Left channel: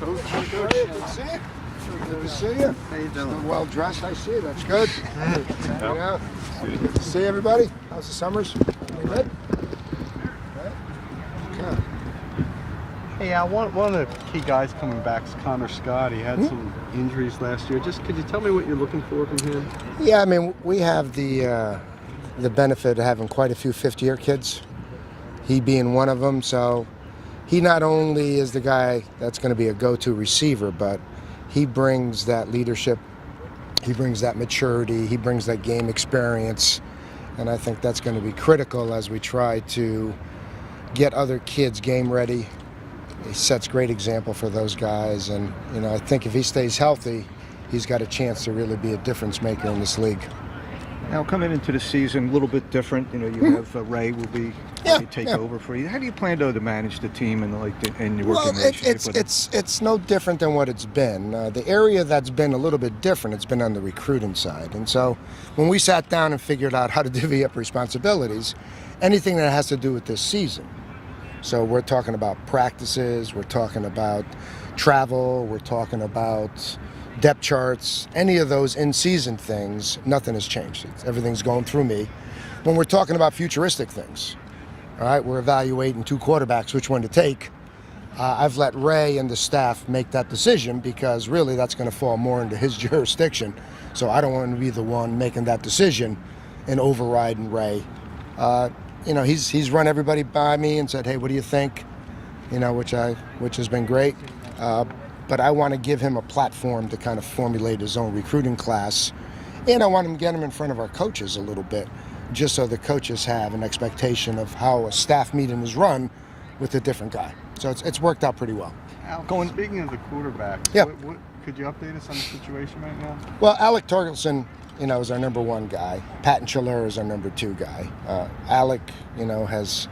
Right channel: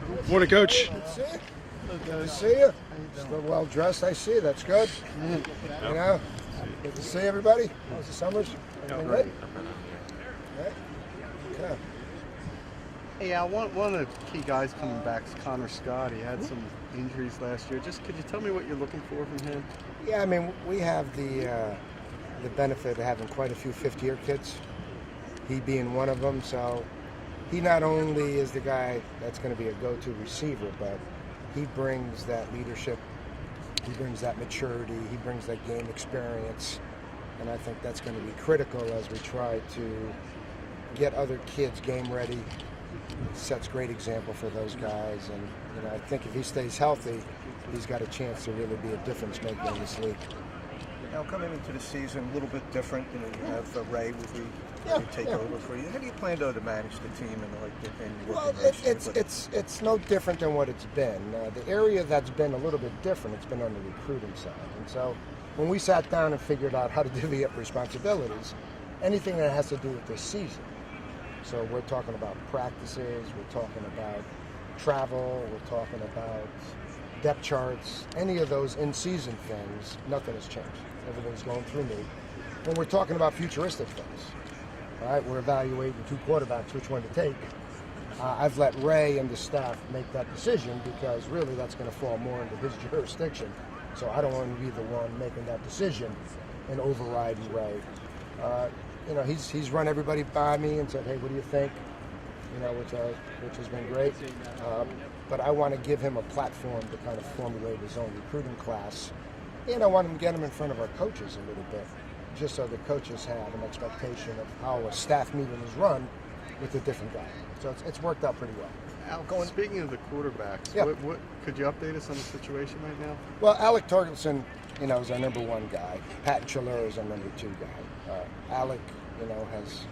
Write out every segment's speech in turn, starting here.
Morning, Coach. Good to see you. Good to see you. How you doing? Still well dressed, I see. That's good. Hanging out. Good to see everybody. How's the summers? Everything good? All right. Okay. Hey, one of the key guys coming back is Connor Scott. He had some injuries last year. Just could you tell me what you're looking for from him? Yeah, I mean, we have the benefit of having quite a few fifth-year kids. He being one of them, so he not only is the guy that's going to be a go-to receiver, but he brings that leadership, he brings that maturity, he brings that game experience, and I think that's going to be critical as we try to get other kids game ready. He sets great example for those guys, and I think if he stays healthy, he's got a chance to really be a difference maker in this league. Now, coming into the season, a little bit different. You have Ray will be take over for you. How do you plan to manage the team and your working relationship with him? It's no different than what it's been. The area that's been a little bit different, it's been on the recruiting side. And so when we sat down and figured out how to divvy up responsibilities, anything that has to do with this season. So we're talking about practices, we're talking about travel, we're talking about depth charts, any of those in-season things, nothing has changed. Everything's going through me. When we're talking about futuristic things, all right, we're evaluating two quarterbacks, which one to take. I've let Ray and the staff make that decision because really that's going to fall more into his jurisdiction. So I don't want to be the one making that decision and overriding Ray. He's run everybody by me and said, hey, what do you think? Which has been great. But I want to give him a platform to kind of formulate his own recruiting class. And I want him to get him in front of our coaches a little bit, just so the coaches have an expectation of how a staff meeting is run with a different guy. So it's worked out pretty well. Al, speaking of the quarterbacks, what could you update us on the situation right now? Well, Alec Torgelson, is our number one guy. Patton Chiller is our number two guy. Alec, has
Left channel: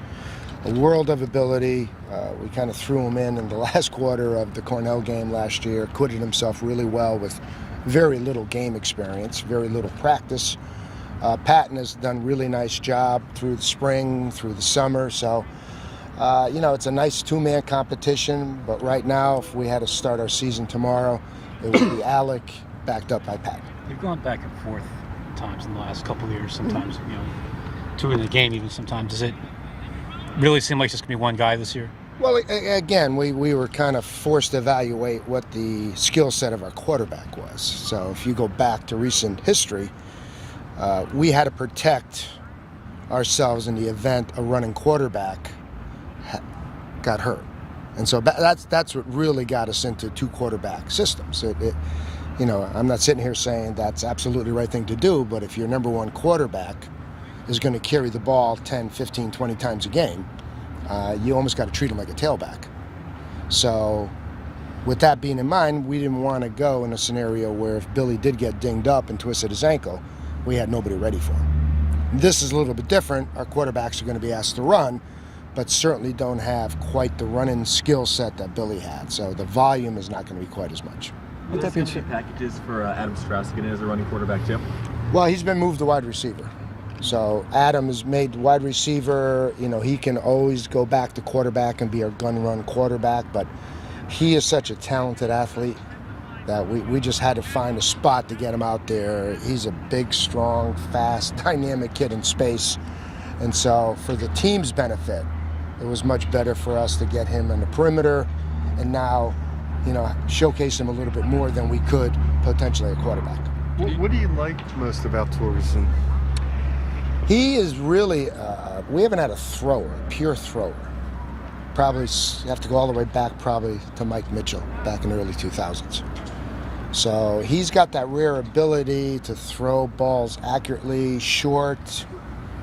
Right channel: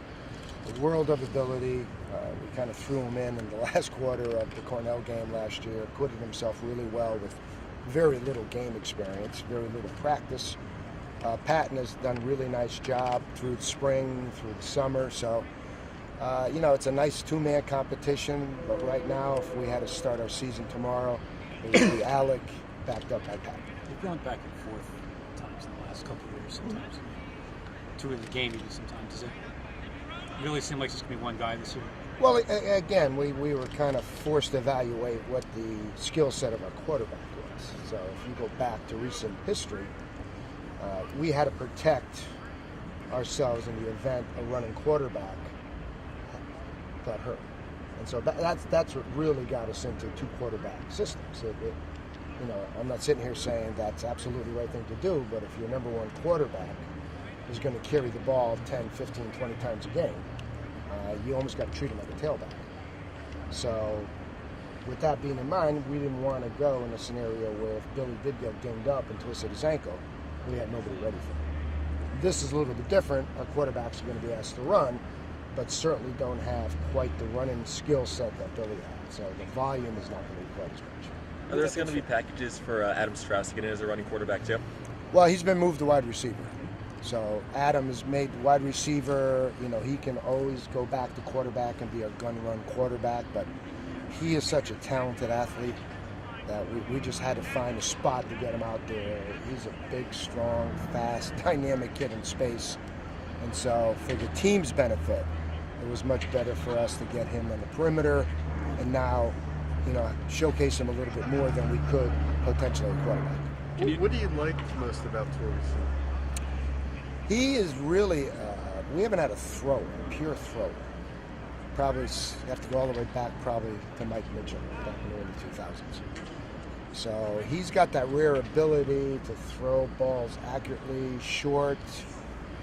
a world of ability. We kind of threw him in the last quarter of the Cornell game last year, acquitted himself really well with very little game experience, very little practice. Patton has done a really nice job through the spring, through the summer. So, it's a nice two-man competition. But right now, if we had to start our season tomorrow, it would be Alec backed up by Patton. They've gone back and forth times in the last couple of years. Sometimes, two in the game even sometimes. Does it really seem like it's just going to be one guy this year? Well, again, we were kind of forced to evaluate what the skill set of our quarterback was. So if you go back to recent history, we had to protect ourselves in the event a running quarterback got hurt. And so that's what really got us into two quarterback systems. I'm not sitting here saying that's absolutely the right thing to do, but if your number one quarterback is going to carry the ball 10, 15, 20 times a game, you almost got to treat him like a tailback. So with that being in mind, we didn't want to go in a scenario where if Billy did get dinged up and twisted his ankle, we had nobody ready for him. This is a little bit different. Our quarterbacks are going to be asked to run, but certainly don't have quite the running skill set that Billy had. So the volume is not going to be quite as much. Are there going to be packages for Adam Strauss to get in as a running quarterback too? Well, he's been moved to wide receiver. So Adam is made wide receiver. He can always go back to quarterback and be our gun-run quarterback, but he is such a talented athlete that we just had to find a spot to get him out there. He's a big, strong, fast, dynamic kid in space. And so for the team's benefit, it was much better for us to get him in the perimeter and now, showcase him a little bit more than we could potentially a quarterback. What do you like most about Torgerson? He is really, we haven't had a thrower, a pure thrower. Probably have to go all the way back probably to Mike Mitchell back in the early 2000s. So he's got that rare ability to throw balls accurately, short,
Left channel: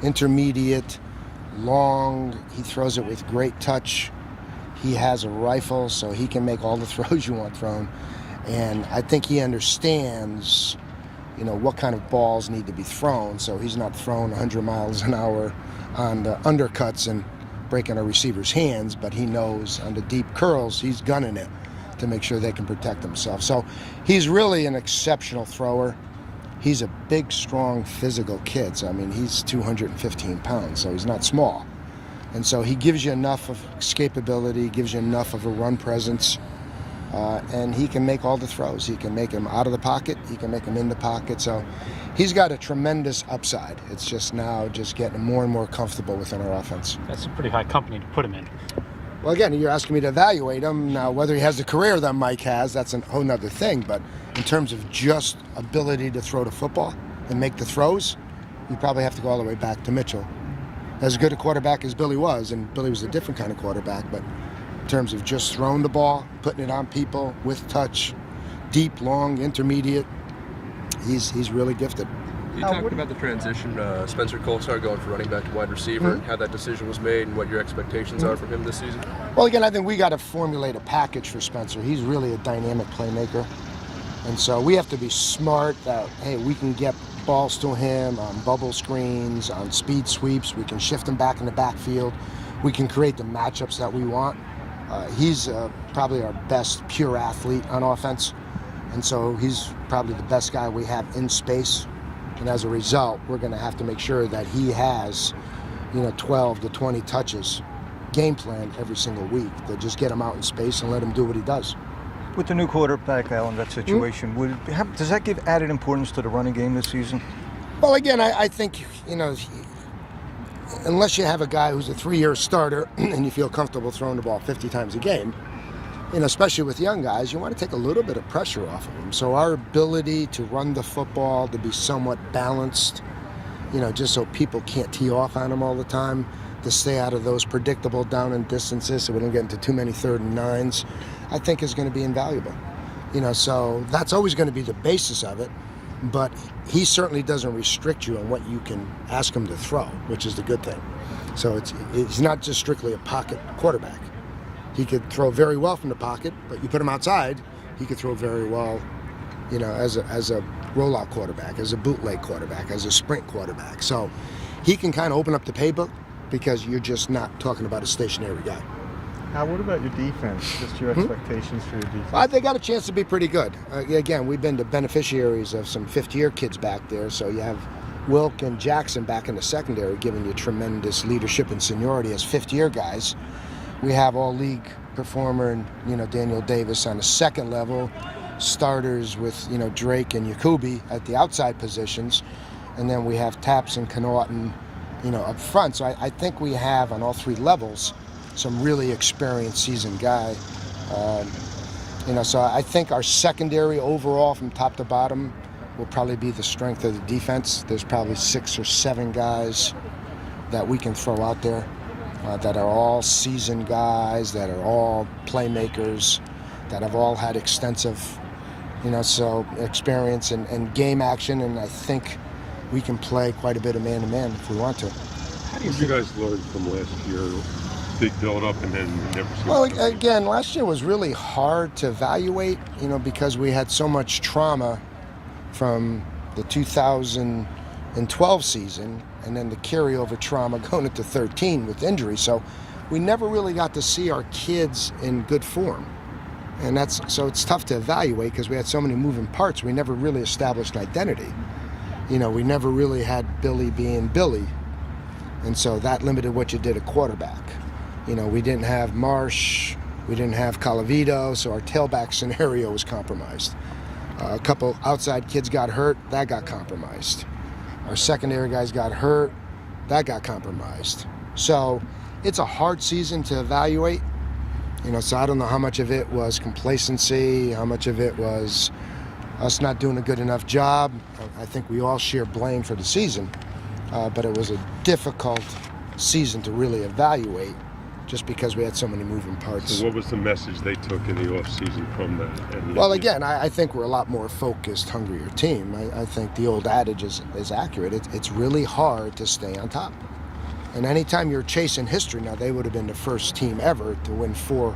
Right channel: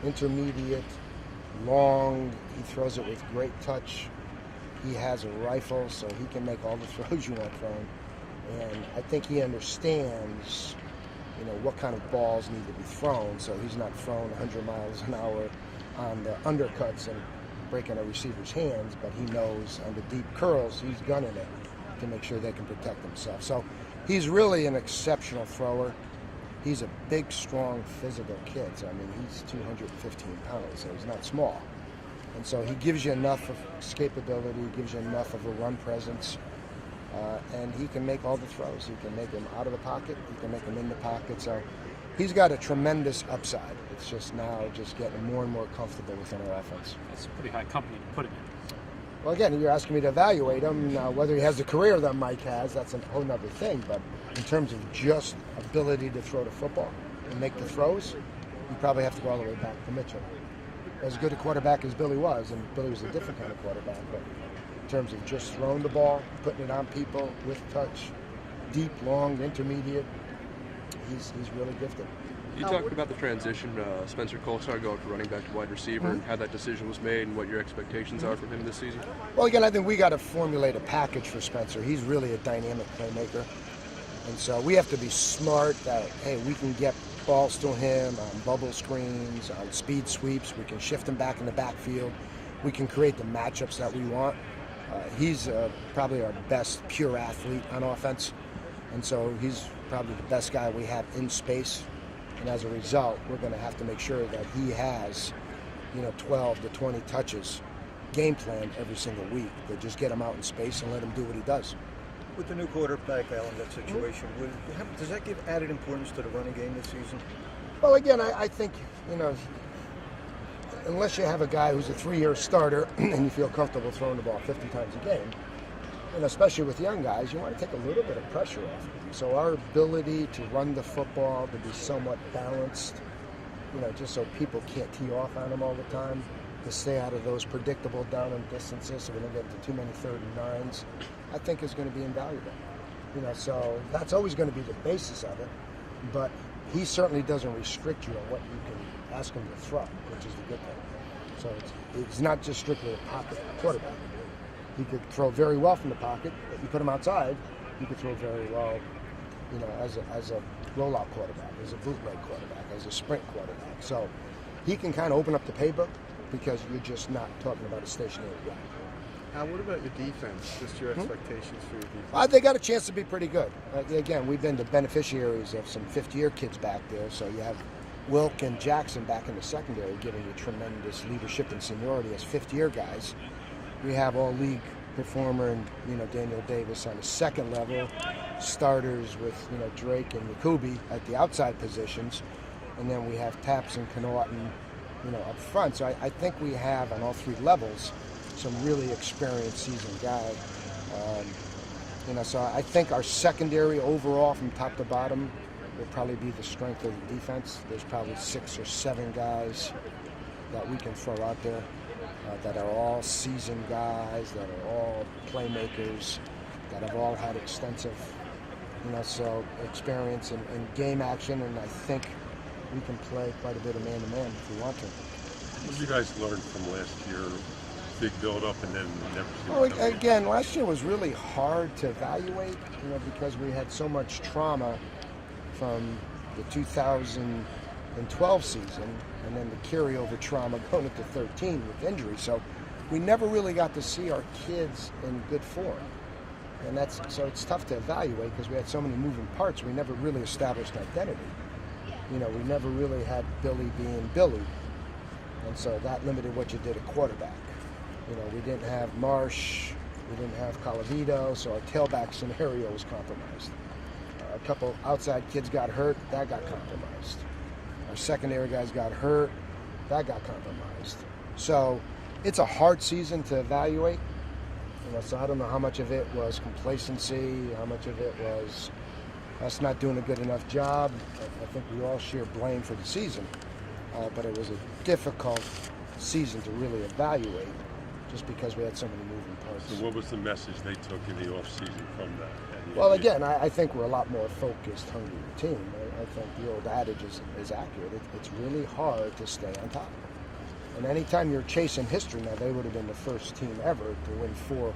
intermediate, long. He throws it with great touch. He has a rifle, so he can make all the throws you want from him. And I think he understands what kind of balls need to be thrown, so he's not throwing 100 miles an hour on the undercuts and breaking a receiver's hands, but he knows on the deep curls, he's gunning it to make sure they can protect themselves. So he's really an exceptional thrower. He's a big, strong, physical kid. So, he's 215 pounds, so he's not small. And so he gives you enough of escapability, gives you enough of a run presence. and he can make all the throws. He can make them out of the pocket. He can make them in the pocket. So he's got a tremendous upside. It's just now just getting more and more comfortable within our offense. That's a pretty high company to put him in. Well, again, you're asking me to evaluate him. Now, whether he has the career that Mike has, that's a whole nother thing. But in terms of just ability to throw the football and make the throws, you probably have to go all the way back to Mitchell. As good a quarterback as Billy was, and Billy was a different kind of quarterback, but in terms of just throwing the ball, putting it on people with touch, deep, long, intermediate, he's really gifted. You talked about the transition, Spencer Colstar going from running back to wide receiver, and how that decision was made and what your expectations are from him this season? Well, again, I think we got to formulate a package for Spencer. He's really a dynamic playmaker. And so we have to be smart that, hey, we can get balls to him on bubble screens, on speed sweeps. We can shift him back in the backfield. We can create the matchups that we want. He's probably our best pure athlete on offense. And so he's probably the best guy we have in space. And as a result, we're going to have to make sure that he has, 12 to 20 touches, game plan every single week, to just get him out in space and let him do what he does. With the new quarterback, Al, in that situation, does that give added importance to the running game this season? Well, again, I think, unless you have a guy who's a 3-year starter and you feel comfortable throwing the ball 50 times a game, especially with young guys, you want to take a little bit of pressure off of them. So our ability to run the football, to be somewhat balanced, just so people can't tee off on them all the time, to stay out of those predictable down and distances so we don't get into too many 3rd and 9s, I think is going to be invaluable. So that's always going to be the basis of it, but he certainly doesn't restrict you on what you can ask him to throw, which is the good thing. So it's not just strictly a pocket quarterback. He could throw very well from the pocket, but you put him outside, he could throw very well, as a rollout quarterback, as a bootleg quarterback, as a sprint quarterback. So he can kind of open up the playbook because you're just not talking about a stationary guy. Now, what about your defense? Just your expectations for your defense? They got a chance to be pretty good. Again, we've been the beneficiaries of some fifth-year kids back there, so you have Wilk and Jackson back in the secondary giving you tremendous leadership and seniority as fifth-year guys. We have all-league performer and Daniel Davis on the second level, starters with Drake and Yakubi at the outside positions, and then we have Taps and Connaughton up front. So I think we have on all 3 levels some really experienced seasoned guy. So I think our secondary overall from top to bottom will probably be the strength of the defense. There's probably 6 or 7 guys that we can throw out there that are all seasoned guys, that are all playmakers, that have all had extensive, experience and game action, and I think we can play quite a bit of man-to-man if we want to. What did you guys learn from last year? Big build-up and then never see. Well, again, last year was really hard to evaluate, because we had so much trauma from the 2012 season and then the carryover trauma going into 13 with injury. So we never really got to see our kids in good form. And so it's tough to evaluate because we had so many moving parts. We never really established identity. We never really had Billy being Billy. And so that limited what you did at quarterback. We didn't have Marsh, we didn't have Calavito, so our tailback scenario was compromised. A couple outside kids got hurt, that got compromised. Our secondary guys got hurt, that got compromised. So it's a hard season to evaluate. So I don't know how much of it was complacency, how much of it was us not doing a good enough job. I think we all share blame for the season, but it was a difficult season to really evaluate just because we had so many moving parts. So what was the message they took in the offseason from that? Well, again, I think we're a lot more focused, hungrier team. I think the old adage is accurate. It's really hard to stay on top. And anytime you're chasing history, now they would have been the first team ever to win 4,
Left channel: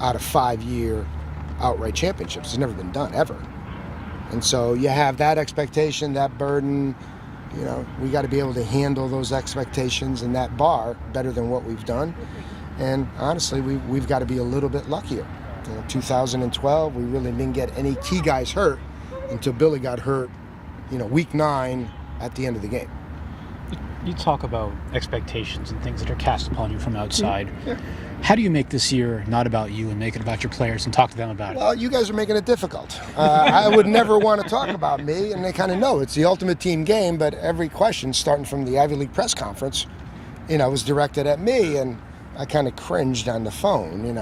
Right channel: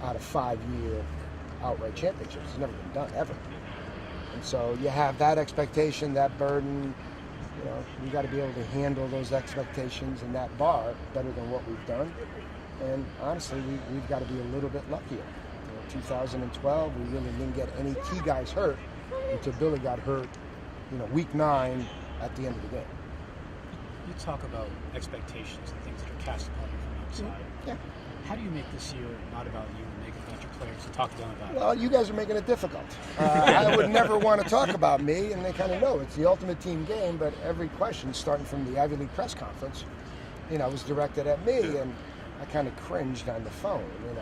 out of 5-year outright championships. It's never been done, ever. And so you have that expectation, that burden. We got to be able to handle those expectations and that bar better than what we've done. And honestly, we've got to be a little bit luckier. 2012, we really didn't get any key guys hurt until Billy got hurt, week 9 at the end of the game. You talk about expectations and things that are cast upon you from outside. Yeah. How do you make this year not about you and make it about your players and talk to them about it? Well, you guys are making it difficult. I would never want to talk about me, and they kind of know it's the ultimate team game, but every question, starting from the Ivy League press conference, was directed at me, and I kind of cringed on the phone,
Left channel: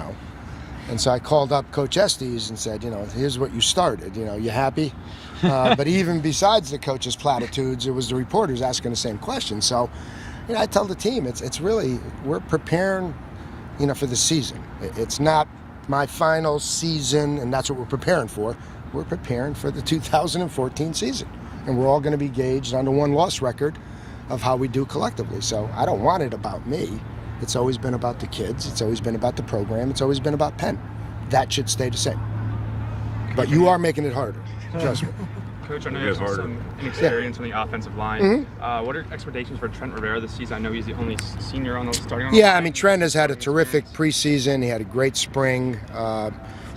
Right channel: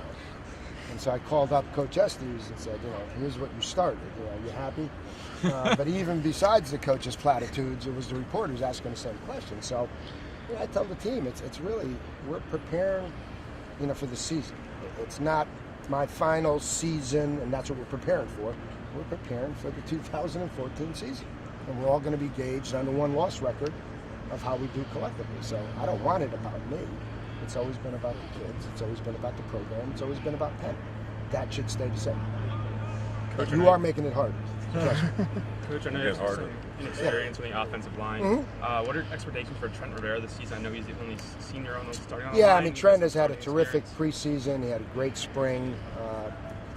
And so I called up Coach Estes and said, here's what you started, you happy? But even besides the coach's platitudes, it was the reporters asking the same question. So, I tell the team, it's really, we're preparing, for the season. It's not my final season, and that's what we're preparing for. We're preparing for the 2014 season. And we're all going to be gauged on the one-loss record of how we do collectively. So I don't want it about me. It's always been about the kids. It's always been about the program. It's always been about Penn. That should stay the same. But you are making it harder. Trust me. Coach, I know you have some inexperience on the offensive line. What are expectations for Trent Rivera this season? I know he's the only senior on the starting line. Yeah, Trent has had a terrific preseason. He had a great spring.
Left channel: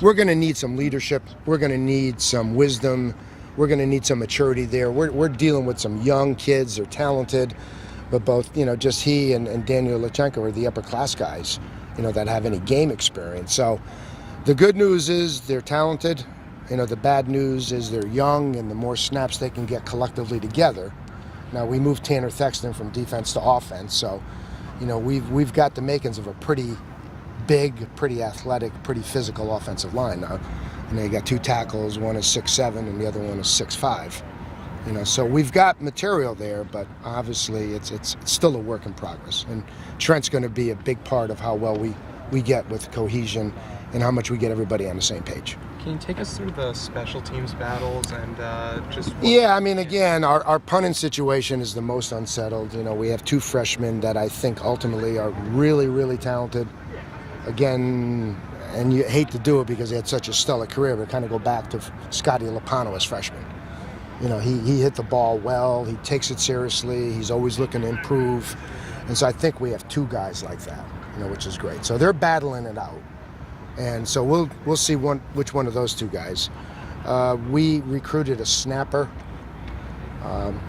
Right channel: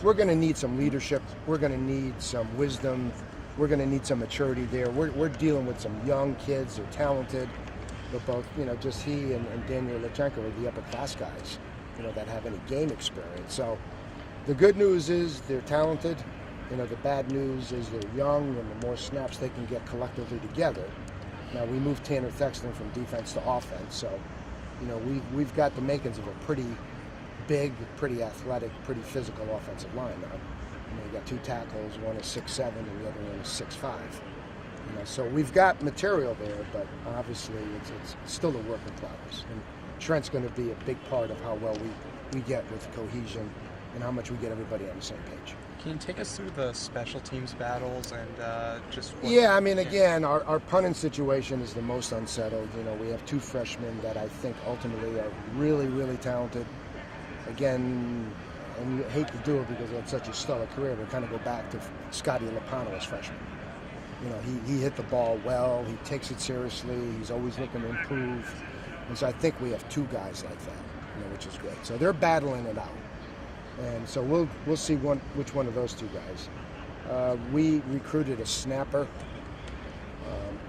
We're going to need some leadership. We're going to need some wisdom. We're going to need some maturity there. We're dealing with some young kids. They're talented, but both, just he and Daniel Lachenko are the upper class guys, that have any game experience. So the good news is they're talented. The bad news is they're young, and the more snaps they can get collectively together. Now, we moved Tanner Thexton from defense to offense, so, we've got the makings of a pretty big, pretty athletic, pretty physical offensive line now. You got 2 tackles, one is 6'7", and the other one is 6'5". So we've got material there, but obviously it's still a work in progress. And Trent's going to be a big part of how well we get with cohesion and how much we get everybody on the same page. Can you take us through the special teams battles and just... Yeah, again, our punting situation is the most unsettled. We have 2 freshmen that I think ultimately are really, really talented. Again, and you hate to do it because he had such a stellar career, but kind of go back to Scotty Lopano as freshman. He hit the ball well, he takes it seriously, he's always looking to improve. And so I think we have 2 guys like that, which is great. So they're battling it out. And so we'll see which one of those 2 guys. We recruited a snapper,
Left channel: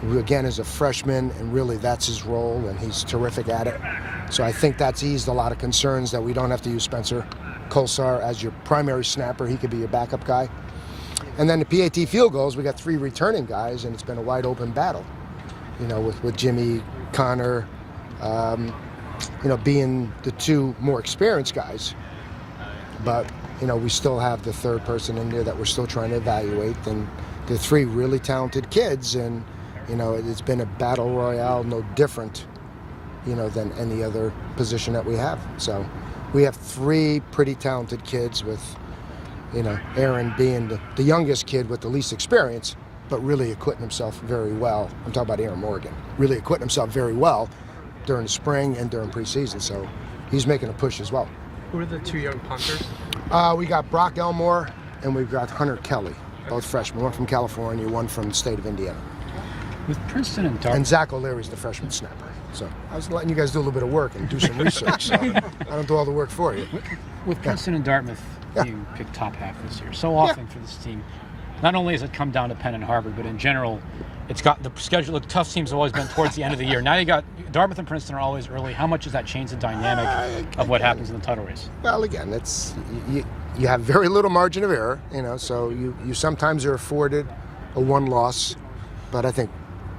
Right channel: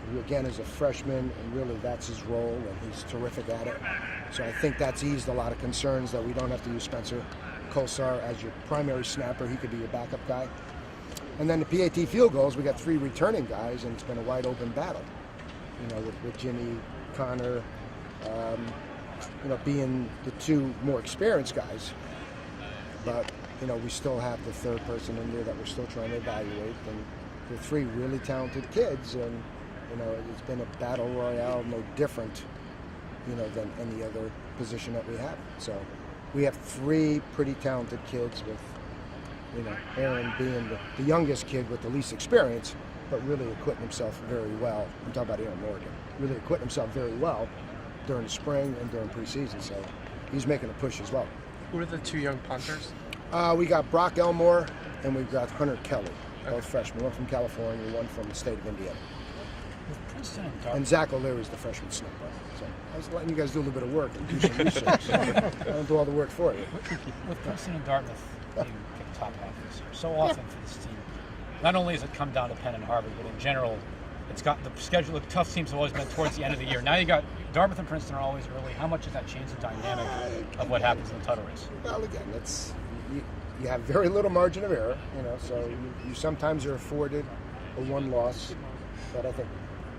who again is a freshman, and really that's his role, and he's terrific at it. So I think that's eased a lot of concerns that we don't have to use Spencer Kolsar as your primary snapper. He could be your backup guy. And then the PAT field goals, we got 3 returning guys, and it's been a wide open battle, with Jimmy, Connor, being the 2 more experienced guys. But, we still have the 3rd person in there that we're still trying to evaluate. And they're 3 really talented kids, and, it's been a battle royale, no different, than any other position that we have. So we have 3 pretty talented kids with, Aaron being the youngest kid with the least experience, but really acquitting himself very well. I'm talking about Aaron Morgan. Really acquitting himself very well during the spring and during preseason. So he's making a push as well. Who are the 2 young punters? We got Brock Elmore and we've got Hunter Kelly, both freshmen. One from California, one from the state of Indiana. With Princeton and Dartmouth. And Zach O'Leary's the freshman snapper. So I was letting you guys do a little bit of work and do some research. So I don't do all the work for you. With Princeton and Dartmouth, you picked top half this year. So often for this team, not only has it come down to Penn and Harvard, but in general, it's got the schedule. The tough teams have always been towards the end of the year. Now you got Dartmouth and Princeton are always early. How much does that change the dynamic of what happens in the title race? Well, again, it's you have very little margin of error, so you sometimes are afforded a 1 loss, but I think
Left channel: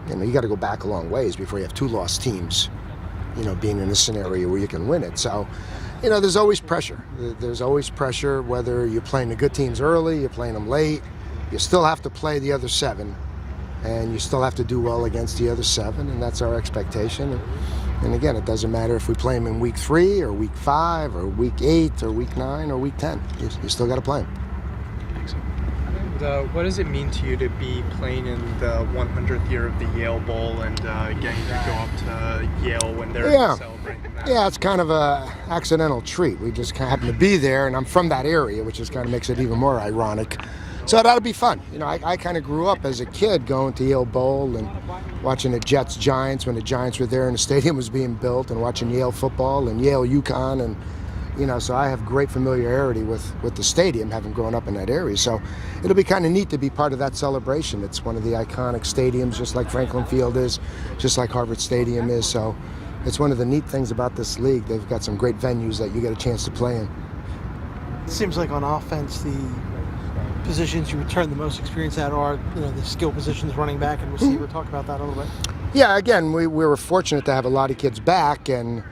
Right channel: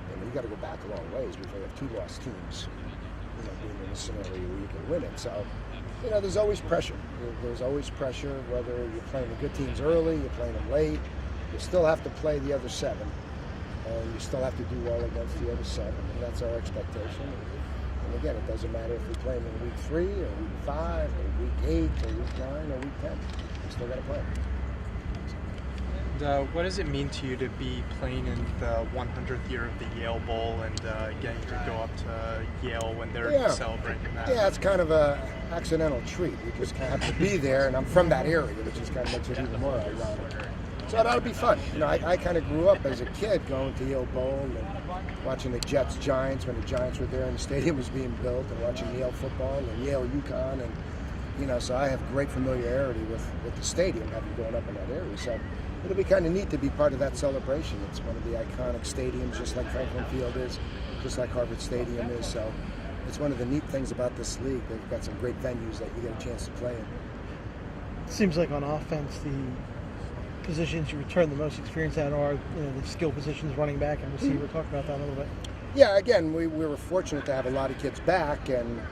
you got to go back a long ways before you have 2 lost teams, being in a scenario where you can win it. So, there's always pressure. There's always pressure whether you're playing the good teams early, you're playing them late. You still have to play the other 7, and you still have to do well against the other 7, and that's our expectation. And again, it doesn't matter if we play them in week 3 or week 5 or week 8 or week 9 or week 10. You still got to play them. And what does it mean to you to be playing in the 100th year of the Yale Bowl and getting to go up to Yale when they're celebrating that? Yeah, it's kind of a accidental treat. We just happen to be there, and I'm from that area, which just kind of makes it even more ironic. So it ought to be fun. I kind of grew up as a kid going to Yale Bowl and watching the Jets-Giants when the Giants were there and the stadium was being built, and watching Yale football and Yale UConn, and so I have great familiarity with the stadium, having grown up in that area. So it'll be kind of neat to be part of that celebration. It's one of the iconic stadiums, just like Franklin Field is, just like Harvard Stadium is. So it's one of the neat things about this league. They've got some great venues that you get a chance to play in. It seems like on offense, the positions you return the most experience at are, the skill positions, running back and receiver. Talk about that a little bit. Yeah, again, we were fortunate to have a lot of kids back, and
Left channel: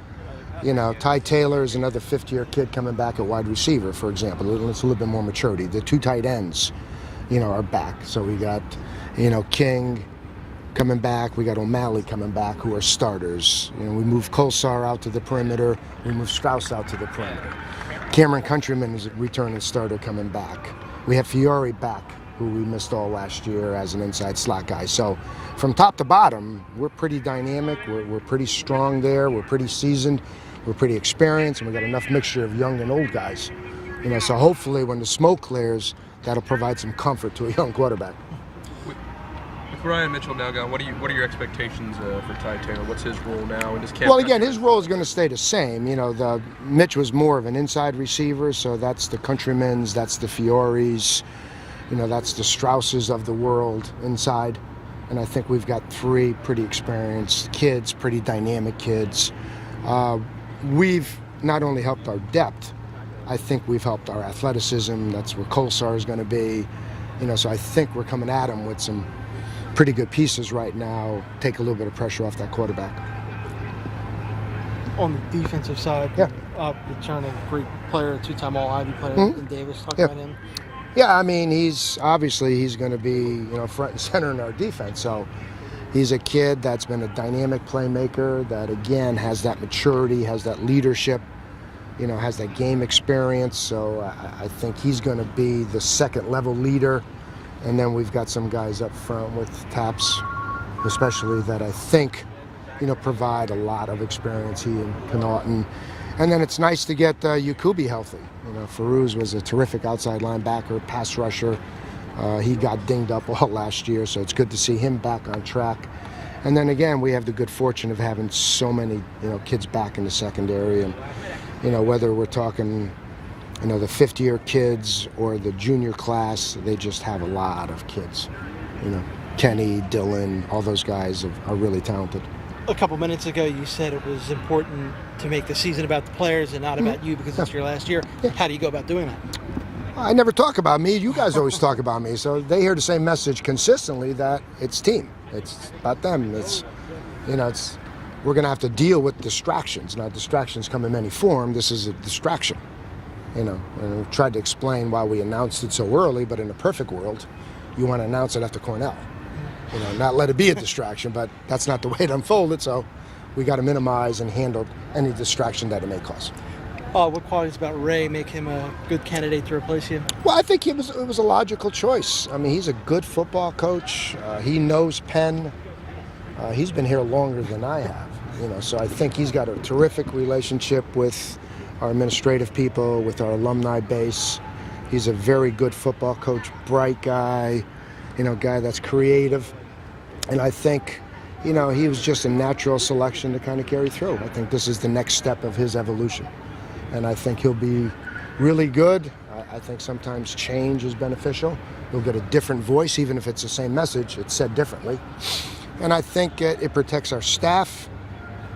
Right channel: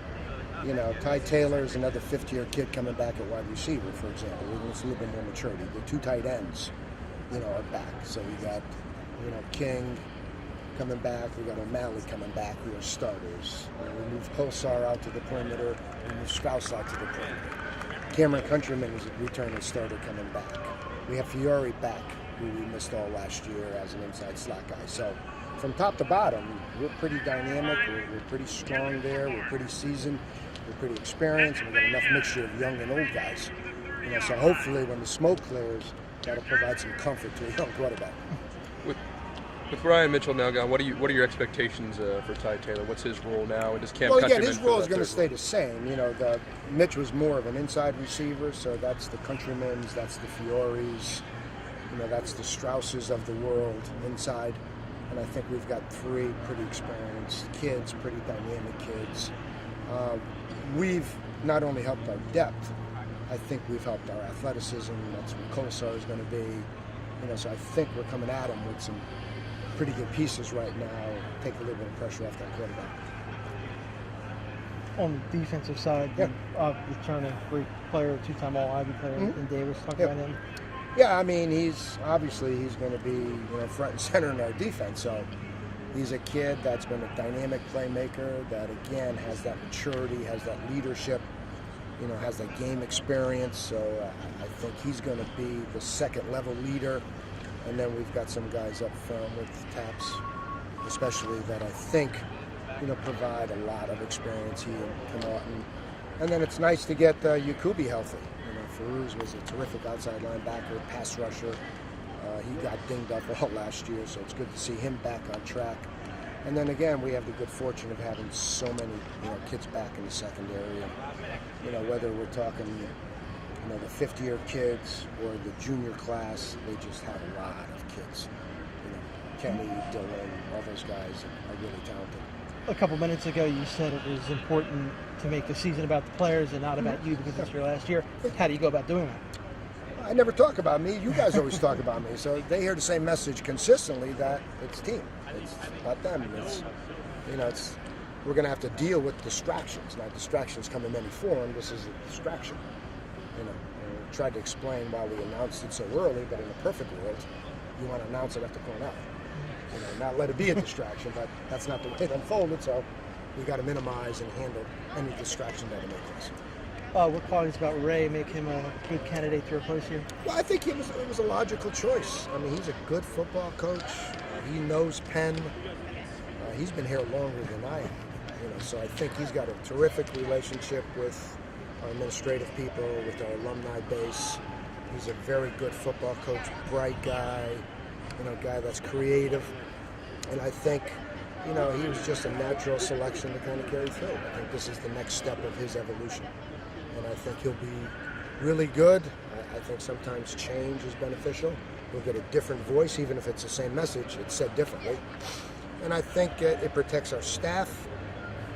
Ty Taylor is another fifth-year kid coming back at wide receiver, for example. It's a little bit more maturity. The two tight ends, are back. So we got, King coming back. We got O'Malley coming back, who are starters. We moved Colsar out to the perimeter. We moved Strauss out to the perimeter. Cameron Countryman is a returning starter coming back. We have Fiore back, who we missed all last year as an inside slot guy. So from top to bottom, we're pretty dynamic. We're pretty strong there. We're pretty seasoned. We're pretty experienced, and we got enough mixture of young and old guys. So hopefully when the smoke clears, that'll provide some comfort to a young quarterback. With Ryan Mitchell now gone, what are your expectations for Ty Taylor? What's his role now? And Well, again, his role is going to stay the same. Mitch was more of an inside receiver, so that's the Countrymans, that's the Fiores, that's the Strausses of the world inside. And I think we've got three pretty experienced kids, pretty dynamic kids. We've not only helped our depth, I think we've helped our athleticism. That's where Colsar is going to be. So I think we're coming at him with some pretty good pieces right now, take a little bit of pressure off that quarterback. On the defensive side, return a great player, two-time All-Ivy player in Davis. Talk about him. Yeah, he's going to be front and center in our defense. So he's a kid that's been a dynamic playmaker that, again, has that maturity, has that leadership, has that game experience. So I think he's going to be the second-level leader. And then we've got some guys up front with Taps, especially, that I think, provide a lot of experience, he and Connaughton. And then it's nice to get Yakubi healthy. Farouz was a terrific outside linebacker, pass rusher. He got dinged up all last year, so it's good to see him back on track. And then again, we have the good fortune of having so many, kids back in the secondary. And, whether we're talking, the fifth-year kids or the junior class, they just have a lot of kids. Kenny, Dylan, all those guys are really talented. A couple minutes ago, you said it was important to make the season about the players and not about you because it's your last year. How do you go about doing that? I never talk about me. You guys always talk about me. So they hear the same message consistently, that it's team. It's about them. We're going to have to deal with distractions. Now, distractions come in many forms. This is a distraction. And I tried to explain why we announced it so early, but in a perfect world, you want to announce it after Cornell. Not let it be a distraction, but that's not the way it unfolded, so we got to minimize and handle any distraction that it may cause. What qualities about Ray make him a good candidate to replace you? Well, I think it was a logical choice. He's a good football coach. He knows Penn. He's been here longer than I have, so I think he's got a terrific relationship with our administrative people, with our alumni base. He's a very good football coach, bright guy, guy that's creative. And I think, he was just a natural selection to kind of carry through. I think this is the next step of his evolution. And I think he'll be really good. I think sometimes change is beneficial. He'll get a different voice, even if it's the same message, it's said differently. And I think it protects our staff,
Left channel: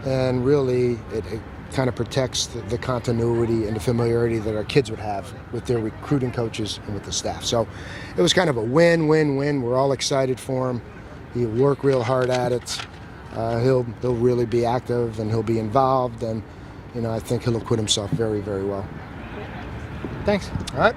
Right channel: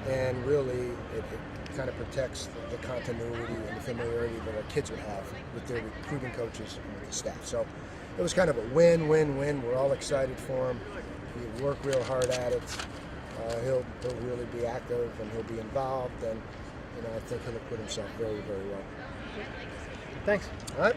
and really it kind of protects the continuity and the familiarity that our kids would have with their recruiting coaches and with the staff. So it was kind of a win-win-win. We're all excited for him. He'll work real hard at it. He'll really be active, and he'll be involved, and I think he'll acquit himself very, very well. Thanks. All right.